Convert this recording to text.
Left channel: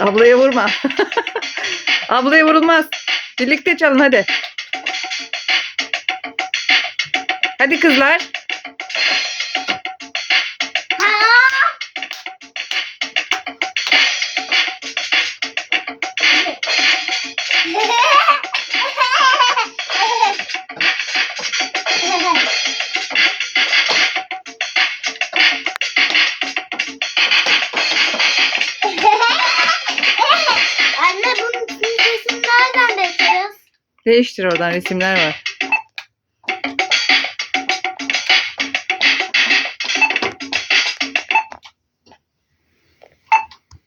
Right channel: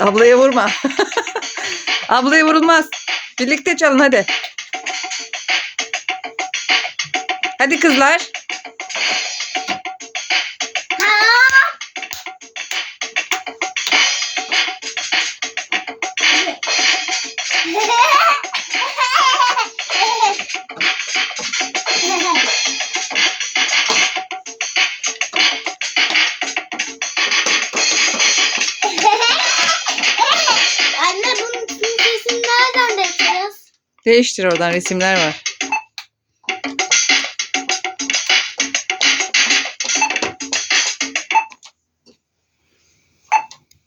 Ablaya vurma. Ablaya vurulmaz. Birlikte çalın hadi. Hadi kızlar. Anne bunun sesini nereden değiştiririz? Değiştir, oradan resimler var.